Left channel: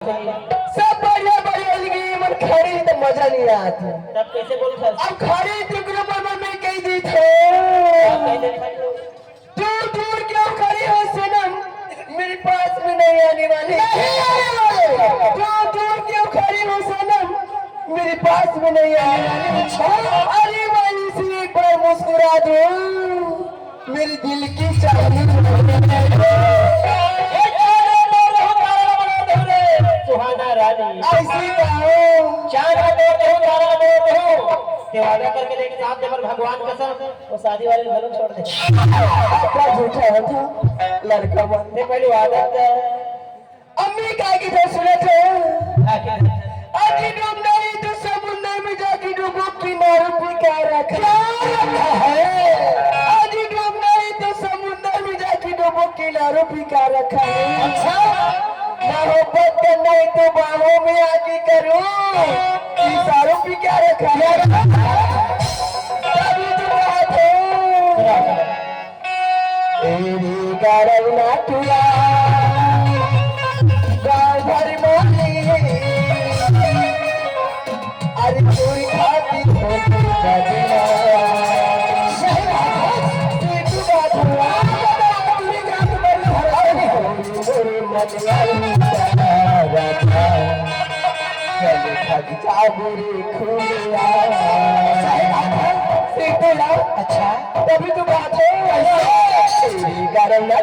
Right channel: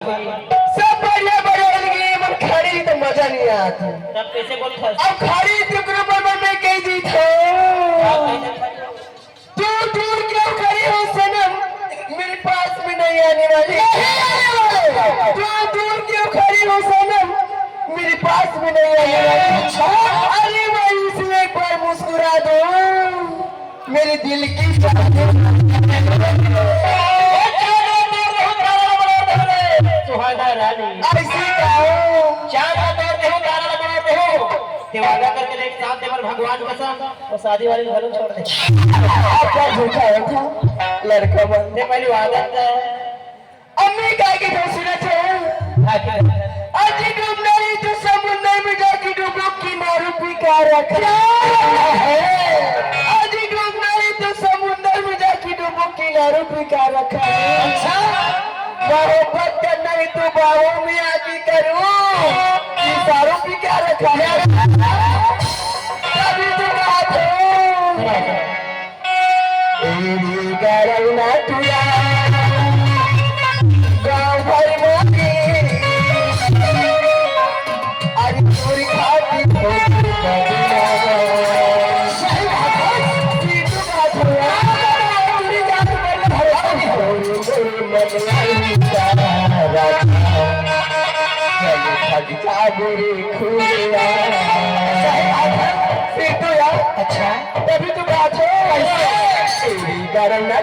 सब बढ़िया बढ़िया लगी मन खड़ी तो मजा नहीं आता। तब कैसे बोल था? अब खड़ी तो ग्रुप में कह दी थो तू दूर क्यों खड़ी हो सनम, मेरे पास में नहीं आने वाली। तू दूर क्यों खड़ी हो सनम, मेरे पास में नहीं आने वाली। अरे भाई इसलिए एक बार मुस्कुरा दो, मेरे दिल की चाहनी। ऐसी कहो वादा करके देख साथ देवर भगवान कसम वो शादी वाले घर छोड़ दे। झूठा है था लड़का बनने पहले वादा अम्मी कहा कि तो सुना चाहिए आज डूबने तो समुद्र में जाके डूबो किनारे पे क्या रखा है। आज डूबने तो समुद्र में जाके डूबो किनारे पे क्या रखा है। अच्छा मोहब्बत करना है तो बाहों में आके करूं, इशारों पे क्या रखा है। अभी तो बात है एरी करना तुला गाँव भर मोगी अरे चोरी खाती ठोकर खाती अच्छा तभी तो बात है गरम ना